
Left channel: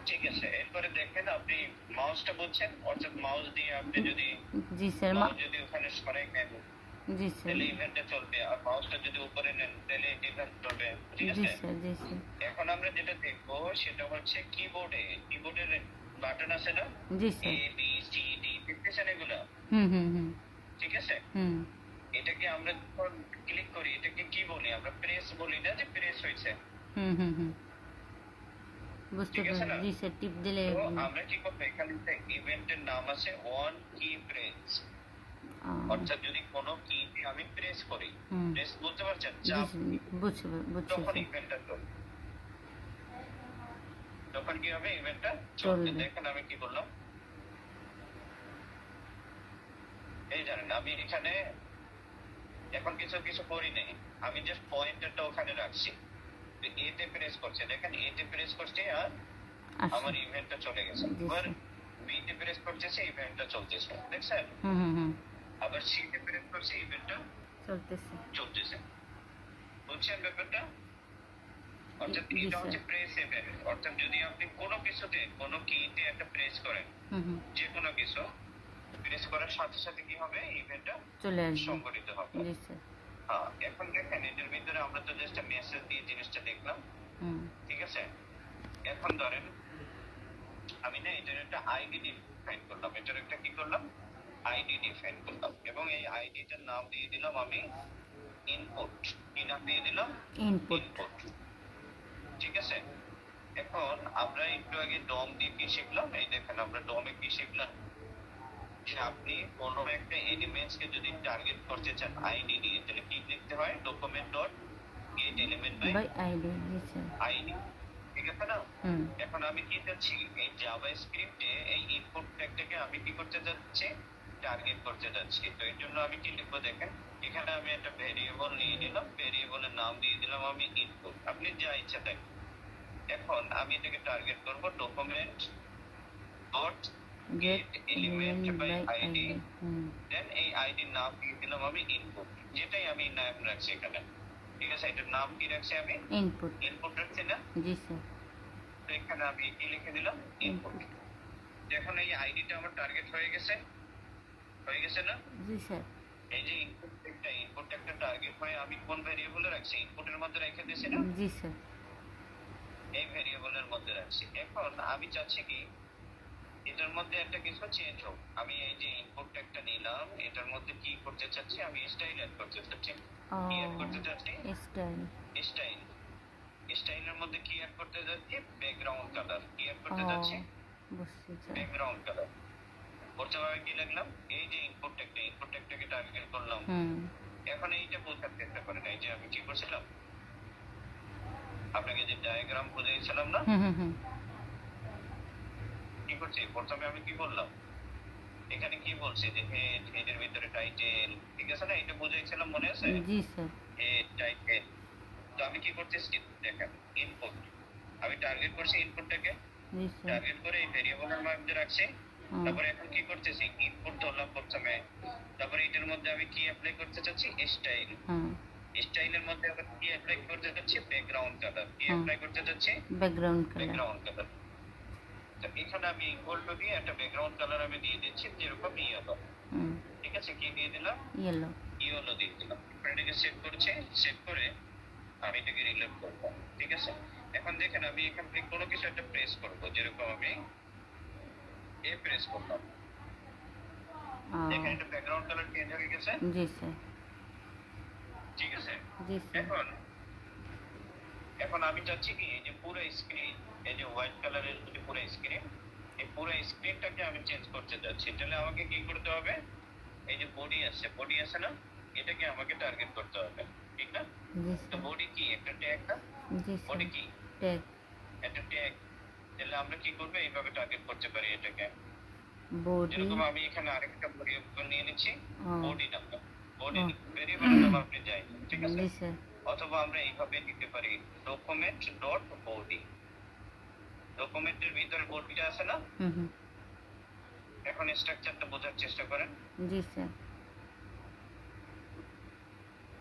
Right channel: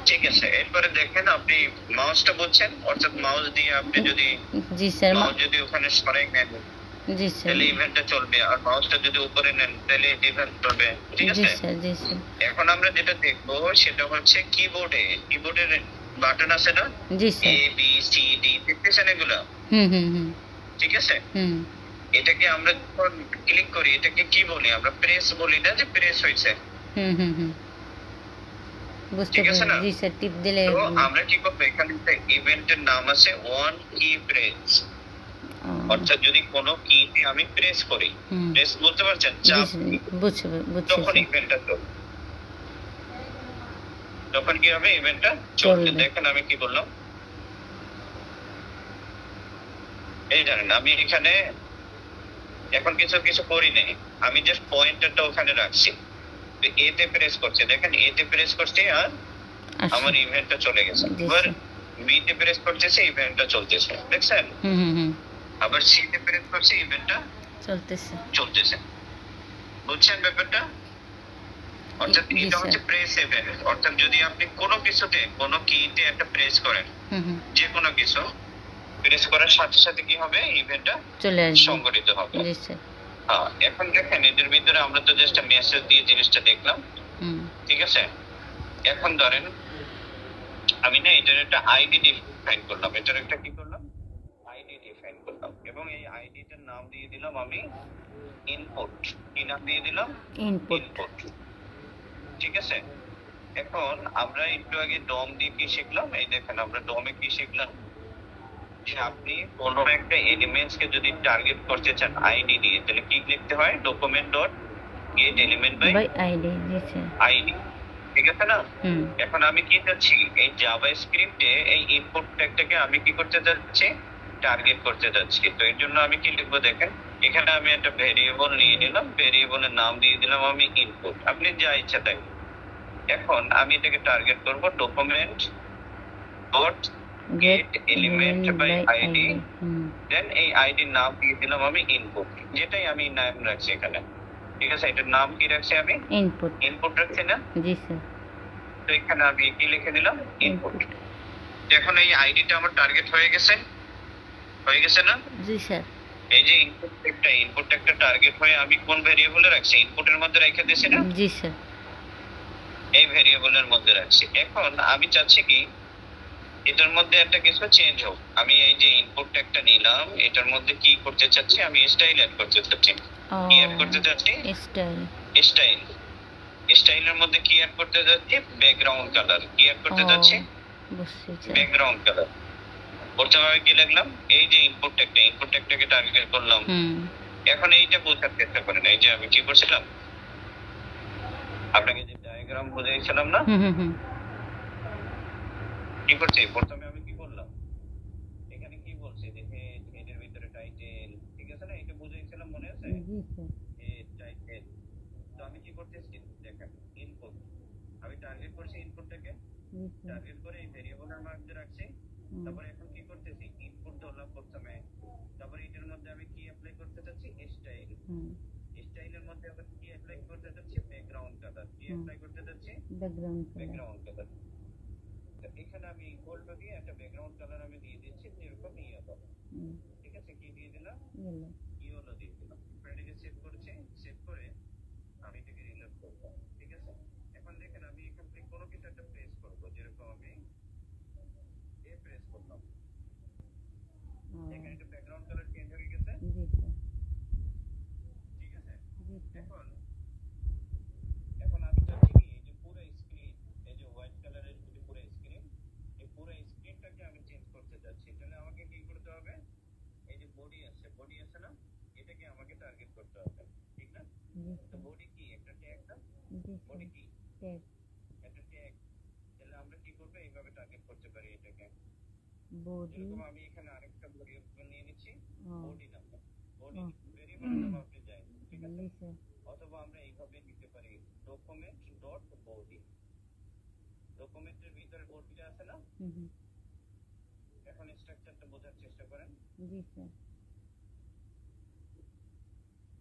ঠিক আছে। এরপরে দেখেন আপনি মাউসটা বুঝছেন, অর্থাৎ মাউস দিয়ে আপনি যদি জি স্যার মাউস যদি ওখানে সরাই নেন জি স্যার তাহলে ইভেন্টটা চলবে, আর মাউসটা যদি উপরে নেন তাহলে ইভেন্ট চলবে। ঠিক জি আছে। স্যার জি স্যার এখন আমরা যেটা দেখবো সেটা হচ্ছে কিবোর্ডের বাটন আছে না, জি এ স্যার। বি সি ডি, দেখতেছেন এগুলো? হুম হুম হুম ঠিক আছে। হুম এটাকে আমরা যখন ক্লিক করি এটাকে কি বলি? আমরা প্রেস বলি না, যে প্রেস হয়েছে। হুম হুম হুম বুঝতে ঠিক আছে পারি, না? জি স্যার টিপ দিলে। তো আমরা কি করবো, এখানে একটা ইভেন্টের নাম আছে ওয়ান কি প্রেস, অর্থাৎ যদি কোনো কিতে আমি প্রেস করি, হুম প্রেস বলতে পারছেন, জি চাপ স্যার দিই, বুঝছি বুঝছি তখন স্যার। ইভেন্টটা চলবে। তখন কি হবে, ইভেন্টটা চলবে। চলবে। দেখেন আমি কি বললাম, এই জানেন আমি এখানে এখন কিছু কিছু করি নাই, আমি জাস্ট পয়েন্টারটা ওখানে রাখছি, তো এতে প্রেস করছে, দেখেন এতে প্রেস করছে আর আচ্ছা আমার ইভেন্টটা চলে গেছে। জি এবার স্যার। বি তে প্রেস করতেছে, ইভেন্টটা চলতেছে, দেখছেন? হুম হুম হুম আবার সি তে প্রেস করছে, ইভেন্টটা চলতেছে। চলতেছে। বুঝছেন ব্যাপারটা? অর্থাৎ জি এটা স্যার। হচ্ছে প্রেস ইভেন্ট, অর্থাৎ যদি আপনি কোনো কিছুতে কোনো কিতে একটা প্রেস করেন, হুম হুম যে কোনো কিছু প্রেস করার সাথে সাথে কি হবে, ইভেন্টটা চলে আসবে। সংঘটিত হবে। জি স্যার। হ্যাঁ, এখন দেখেন এটার ভিতরে আমরা তো জাস্ট মেসেজ দিয়ে জিনিসটা দেখলাম। হুম ঠিক আছে। এখন ধরেন আমি না এটার একটা আইডি ডিফাইন করলাম, এটার একটা কি করলাম, আইডি ডিফাইন করলাম, এবং এই আইডিটার নাম দিয়ে দিলাম আমি ইনপুট। কি নাম দিয়ে দিলাম? ইনপুট। ইনপুট। ঠিক আছে। এখন আমরা একটু আগে ডম দিয়ে কি শিখলাম, এই দেখেন আমরা ডমে কি শিখলাম, যে আপনি কোনো একটা এলিমেন্টস কে যদি টার্গেট করতে চান আইডি দিয়ে, তাহলে কি লিখতে হয়, document dot get element by by ID. জি স্যার। আইডি। ঠিক আছে না? হুম এখন আমি কি চাচ্ছি, এই জাভা স্ক্রিপ্টে এই ইনপুট ট্যাগটাকে আমি কি করতে যাচ্ছি, টার্গেট করতে যাচ্ছি। তো এর জন্য আমি কি লিখবো দেখেন, এখানে আমি একটা ভেরিয়েবল নিয়ে নিলাম, ভেরিয়েবলের নাম দিয়ে দিলাম আমি ইনপুট, আপনি যা ইচ্ছা তাই। এখন আমি এটাকে টার্গেট করব document dot get element by ID, hmm then এই আইডির নাম দিয়ে দিলাম আমি ইনপুট, যেটাই আমি নাম রাখছি এখানে। ঠিক আছে, এটার নাম কি রাখছি আমি, ইনপুট। ইনপুট রাখছি না? জি স্যার। তো এখানে আমি কি লিখে দিলাম, ইনপুট। ইনপুট। এখন এই আইডিটা আমার টার্গেট হয়ে গেছে, হয়ে গেছে না? জি স্যার। এই যে ইনপুট একটা টার্গেট হয়ে আমি কোন ভেরিয়েবলে রাখছি, ইনপুটের মধ্যে রেখে দিয়েছি না, জি স্যার। এই ভেরিয়েবলের মধ্যে রাখছি। এখন আমি চাচ্ছি কি এটার মধ্যে একটা কিছু চেঞ্জ হোক, আমি এই যে ইনপুট একটা নিলাম, এটার মধ্যে কি করতে চাচ্ছি, আমি স্টাইল অ্যাড করতে চাচ্ছি। কি অ্যাড করতে চাচ্ছি, স্টাইল। স্টাইল। স্টাইলের মধ্যে কি অ্যাড করতে যাচ্ছি, ব্যাকগ্রাউন্ড কালার। কি অ্যাড করতে যাচ্ছি, বুঝছি স্যার। Background colour. প্রথমে আমি কি লিখলাম, এই যে ইনপুট ট্যাগটাকে টার্গেট করলাম। হুম এখন এইটা বোঝার চেষ্টা করেন, এই যে আমি কি করছিলাম, আপনাকে যে ডায়াগ্রাম বুঝাইছিলাম না, হুম হুম হুম কি করছি, প্রথমে আমি কি বললাম, এখানে কি বলছি যে হেড, হেডের ভিতরে টাইটেল, ঠিক আছে না, এটা বুঝাইছিলাম মনে আছে, জি স্যার। Head title. তো আমি কি করতেছি দেখেন, ইনপুট আমি টার্গেট করছি, ইনপুটটাকে জি স্যার। টার্গেট করে এই ভেরিয়েবলের মধ্যে রাখছি। হুম, তারপরে এখন কি করতেছি, ইনপুট ধরলাম প্রথমে, তারপরে এটার মধ্যে আমি কি অ্যাপ্লাই করতে চাচ্ছি, স্টাইল। হুম স্টাইলের মধ্যে আবার কি অ্যাপ্লাই করতে যাচ্ছি, ব্যাকগ্রাউন্ড কালার। কি হুম অ্যাপ্লাই করতে যাচ্ছি, ব্যাকগ্রাউন্ড কালার। Background colour. তো এখানে আমি ইকুয়াল টু দিয়ে একটা ব্যাকগ্রাউন্ড কালার আমি দিয়ে দিচ্ছি, যেরকম ইয়েলো। হুম ঠিক আছে, কি দিয়ে দিলাম, ইয়েলো। ইয়েলো দিয়ে দিলাম। এটাকে সেভ করছি, সেভ করে আমি এটাকে রিলোড করব। ঠিক আছে। এখন দেখেন আমি এখান থেকে কোনো কিছু একটা প্রেস করব, যেরকম আমি এ প্রেস করলাম, দেখেন এটা ব্যাকগ্রাউন্ড কালার চেঞ্জ হয়ে গেছে। জি স্যার। ঠিক আছে। জি স্যার। এখন এখন আমি চাচ্ছি কি এই যে পুরো স্ক্রিন, এই যে হোয়াইট কালারের যে পুরো স্ক্রিন, এই পুরো স্ক্রিনটাকে আমি চেঞ্জ করতে যাচ্ছি। তাহলে আমাকে কি করতে হবে, এই যে বডি আছে না, এটাকে আমাকে টার্গেট করতে হবে, ঠিক না? জি তো স্যার। বডি কি একটা ট্যাগ না? জি বডি স্যার। কি ট্যাগ। একটা ট্যাগ। তাহলে আমরা কি করবো, এইভাবে টার্গেট করতে পারি এটাকে। বডি। যেরকম আমি এখানে আরেকটা ভেরিয়েবল নিয়ে নিচ্ছি, ও। Body number. বডি ও। ভেরিয়েবলের নাম আপনি যাই, ঠিক আছে? জি স্যার। অথবা আমরা এইভাবে নিতে পারি, ডকুমেন্ট ডট বডি। ডকুমেন্টের ভিতরে বডিটা আছে না? হুম হুম। এখন স্ট্রাকচারটা বোঝার চেষ্টা করেন। জি স্যার।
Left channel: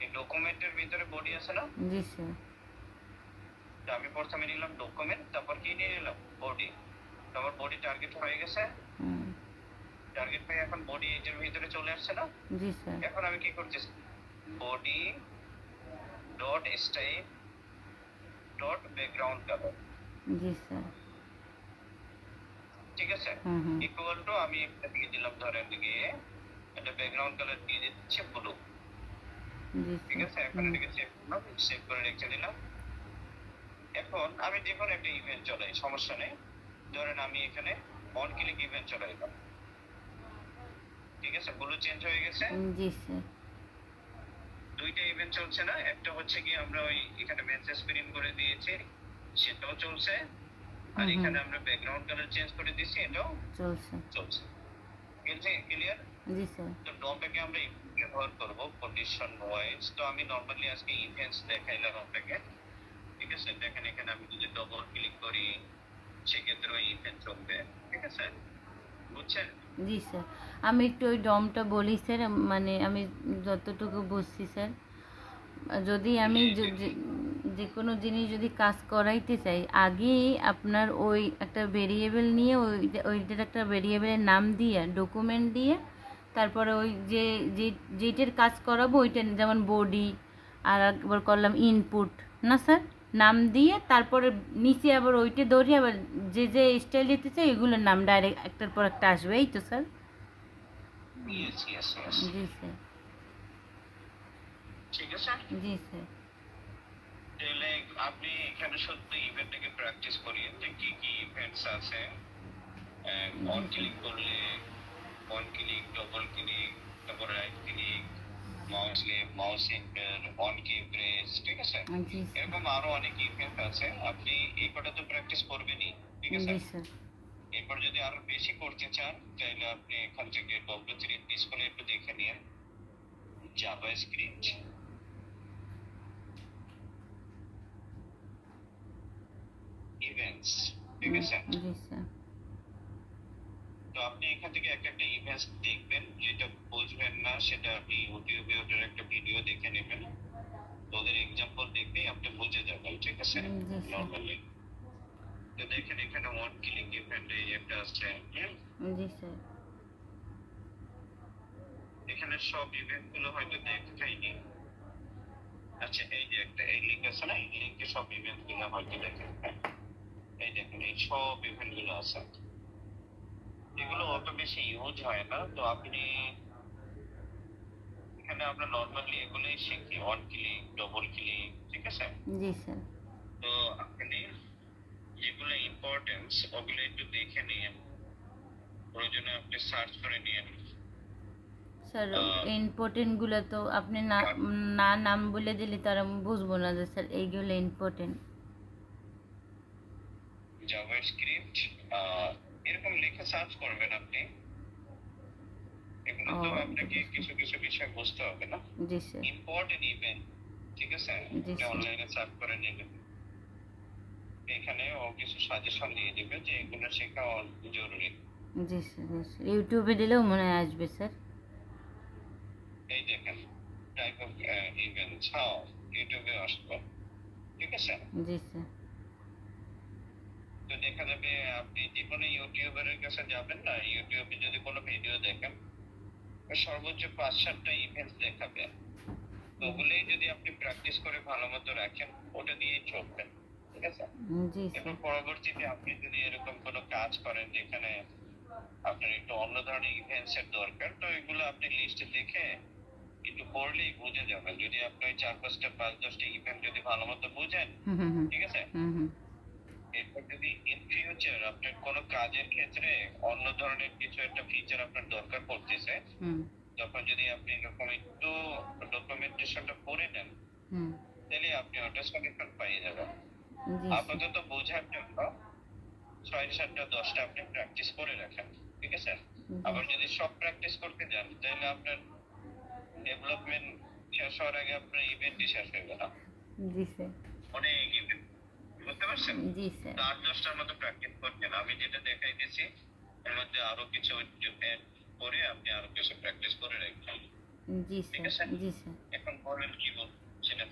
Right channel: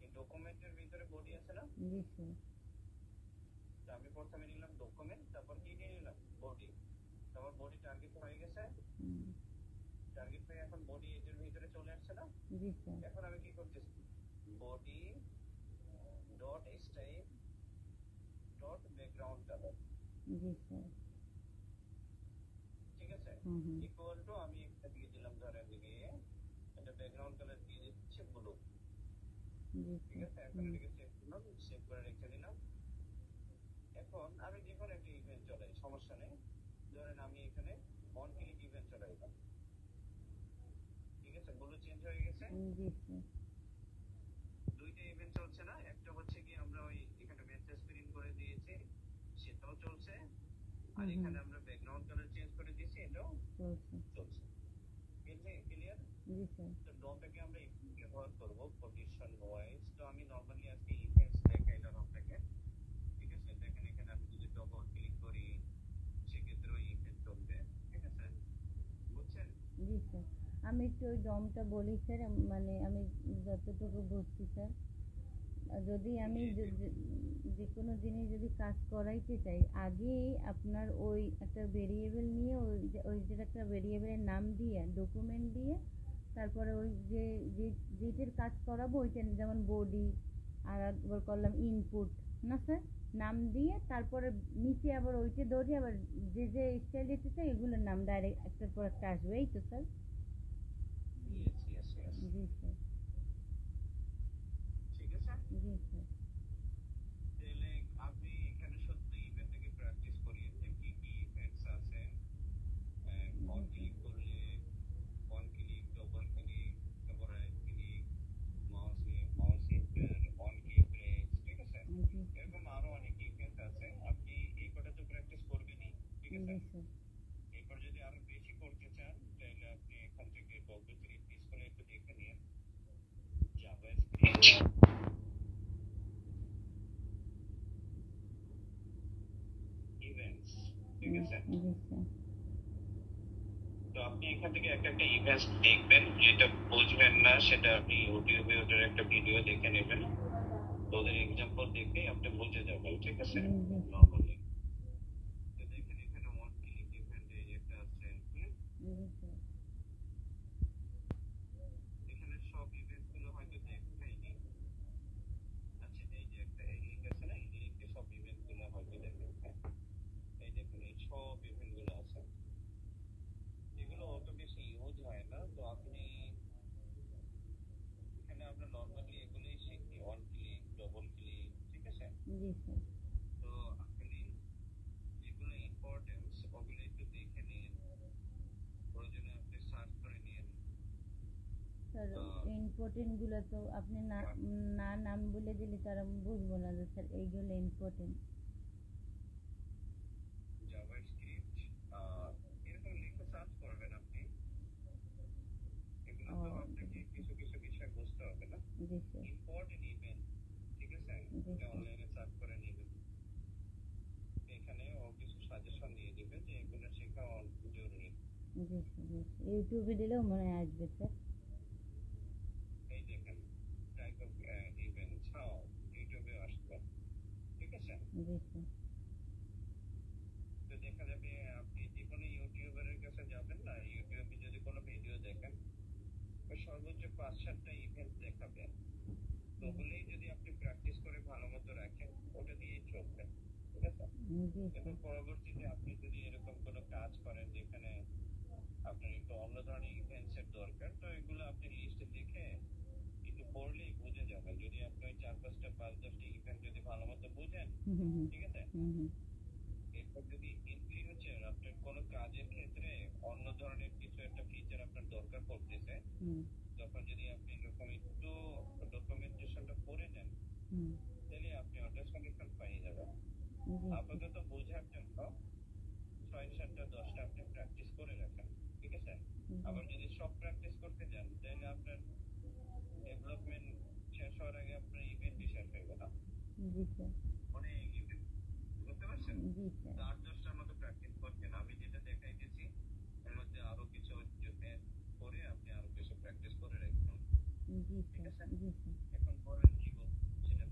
এই ডকুমেন্টের ভিতরে বডি আছে না? জি স্যার। তো আমি প্রথমে নিলাম ডকুমেন্ট, তারপর কি নিয়ে নিলাম, বডি। তারপর বডি টার্গেট হয়ে গেছে। হুম। টার্গেট হয়ে এখন বডি এটার ভিতরে চলে আসছে না? জি স্যার। এখন আমি কি করতেছি, body dot style dot background colour, জি স্যার। ঠিক আছে? হুম হুম। ইকুয়াল টু আমি একটা দিয়ে দিলাম, ধরেন গিয়ে একটা ব্যাকগ্রাউন্ড কালার দিয়ে দিচ্ছি ব্লু, জি ঠিক স্যার। আছে? এখন এটাকে সেভ করলাম, সেভ করে রেখে দিলাম। এখন আমি যে কোনো একটা ইভেন্ট চলাই, সমস্যা নেই। ধরেন আমি এখানে অন ক্লিক ইভেন্ট চলাইলাম, ঠিক আছে? ব্লু চেঞ্জ হয়ে গেছে। জি স্যার। দুইটা ইভেন্ট চলছে না? একটা হচ্ছে কি আমরা ওই এখানে মেসেজ প্রিন্ট করে দিয়েছি, সেটাও চলছে। আর হুম হুম। এখানে আমরা ব্যাকগ্রাউন্ড কালার চেঞ্জ করে দিয়েছি, এটাও চলছে। চলছে। ক্লিয়ার? জি স্যার। তো ডমটাকে আমরা ব্যবহার করব পজিশন ওয়াইজ। তো আমি নরমালি আজকে ইভেন্টস দেখাইলাম আপনাকে, ঠিক আছে? দেখেন এখানে আমি যদি ডবল ক্লিক করি, সেক্ষেত্রে ওই ইভেন্ট চলবে, ঠিক আছে? বুঝছেন? জি স্যার। আমি একটু ওই ডমটা বলি স্যার, মানে আমি যতটুকু বুঝছি স্যার, যদি আমি যে কোনো জিনিস যদি কাজ করাইতে চাই, আগেই আপনার ওই একটা ভেরিয়েবল নিয়ে ওইটার একটা ভেরিয়েবলের নাম দিয়ে ডকুমেন্ট দিয়ে, তারপরে ওই যেটার কাজ করাবো ওইটা, যেমন বডি, আর একবার করলাম ইনপুট, না স্যার, নাম দিয়ে তারপরে নিচে আবার ওইটা ধরে আবার যে স্টাইল দিতে চাই ওইগুলোর নাম ডাইরেক্ট একটার পর একটা আসবে, এই তো স্যার? ইয়েস ইয়েস ইয়েস, জি স্যার। ঠিক আছে। জি স্যার। তাহলে আপনি এখানে শুধু ইভেন্টটাকে প্র্যাকটিস করিয়ে যে কি কি ইভেন্টস আছে। অন জি ক্লিক করলে অন ক্লিক, ডবল ক্লিক, তারপর right click, mouse enter, on key press, ঠিক আছে? স্যার। জি স্যার। এরকম আরো অনেক ইভেন্ট আছে, আপনি এই কটা তো প্র্যাকটিস করবেনই, ঠিক আছে? জি স্যার। এরপর যদি আরো বেশি করতে চান, তাহলে আপনি এখান থেকে W3 স্কুলে একটু দেখে নিন, জাভাস্ক্রিপ্ট ইভেন্টস, ঠিক আছে? জি স্যার। তো আপনি এখান থেকে একটা একটা ইভেন্টস দেখবেন, যেটা বুঝবেন না সেটা আপনি ইউটিউবে ওটার একটা ভিডিও দেখে নেবেন। তো ওদের এক্সাম্পল দেখেই আপনি বুঝে যাবেন, ঠিক আছে? জি স্যার। নরমালি তো দেখেন এখানে ওয়ান ক্লিক ইভেন্ট এই একটা আছে, জি স্যার। এখানে সব ইভেন্ট গুলো হয়তো দেখাইনি। আচ্ছা, এই যে একটা এই লিঙ্ক আছে না, এই লিঙ্কে সব ইভেন্ট গুলো হয়তো দেখেন। এই দেখেন এই সব ইভেন্ট গুলো আছে, এগুলো অত বেশি ইউজ হয় না। তো আপনি এখানে আমরা নরমালি এগুলোই শিখি, অন ক্লিক, ডবল ক্লিক, ঠিক আছে? জি স্যার। তো আপনি যেগুলো ইম্পর্টেন্স ওগুলো একটু দেখে নিন, প্রয়োজনে আপনি সার্চ করে নিন। স্যার ইম্পর্টেন্টগুলো তো আপনি না না নাম বলে দিলে তারা বুঝবো না যে স্যার এইগুলো ইম্পর্টেন্ট। জাভাস্ক্রিপ্ট এরকম লিখে সার্চ করবেন আপনি, এগুলো ও তো আপনাকে কিছু কিছু বিষয় বুঝতে হবে না। জি স্যার। ইম্পর্টেন্ট ইভেন্ট, ঠিক আছে? জি স্যার। অনলাইনে সার্চ করে নিলেন, এখানে ও কিছু সাজেশন দিয়ে দিবে যে এগুলো শেখা জরুরি। জি স্যার। জি স্যার, ইউটিউবে দিলেও মনে হয় আসবে স্যার। এই দেখেন টাইপ অফ ইভেন্টস, হ্যাঁ ইউটিউবে আসবে, ঠিক আছে? জি স্যার। তো দেখা যাবে আপনি যে কোনো ইউটিউবারের কাছে যাবেন না, ইউটিউবে যদি কোনো ভিডিও দেখেন, সর্বোচ্চ 5-7টা ইভেন্টস দেখাবে। তো ওগুলোই যদি আপনি প্র্যাকটিস করে ভালো মতো রাখেন, ওটা দিয়েই চলবে, ঠিক আছে? জি এরপর স্যার। পরবর্তীতে আপনি যদি এরকম কোনো কাজ করেন যেখানে আপনার একটু অন্য ধরনের ইভেন্টস এর দরকার, তো এগুলো আপনি লিস্টে দেখে একটু পড়লেই বুঝে যাবেন। যদি আপনি 4-5টা 5-10টা ইভেন্ট যদি ভালো মতো বুঝেন, হুম হুম হুম। ঠিক আছে? হুম হুম। এরপর যদি ইন ফিউচার আপনার কোনো কাজের ক্ষেত্রে অন্য ধরনের কিছু একটা ফিচার আপনার দরকার পড়তেছে, হুম। তখন যদি আপনি এরকম একটু ডকুমেন্টেশনটা করে নেন, হুম। তাহলে আপনি ওটা সলিউশন পেয়ে যাবেন। জি স্যার। আপাতত বোঝার জন্য 6-7টা 10টা আপনি প্র্যাকটিস করে রাখেন, ঠিক আছে? আবার যদি সব প্র্যাকটিস করতে যান তাহলে আপনার ডেভেলপমেন্ট শেষ হওয়ার আগে আপনার ইভেন্টই শেষ হয়ে গেল। জি স্যার। অনেক ইভেন্ট, বুঝতে পারছেন? জি স্যার। 8-10টার মতো প্র্যাকটিস করছেন, আমি যেটা দেখাই দিয়েছি এর মধ্যে আরো কিছু add করে আপনি আরো কিছু প্র্যাকটিস করে রাখবেন, জি ঠিক স্যার। আছে? জি স্যার। এখন বলেন কি বলছিলেন?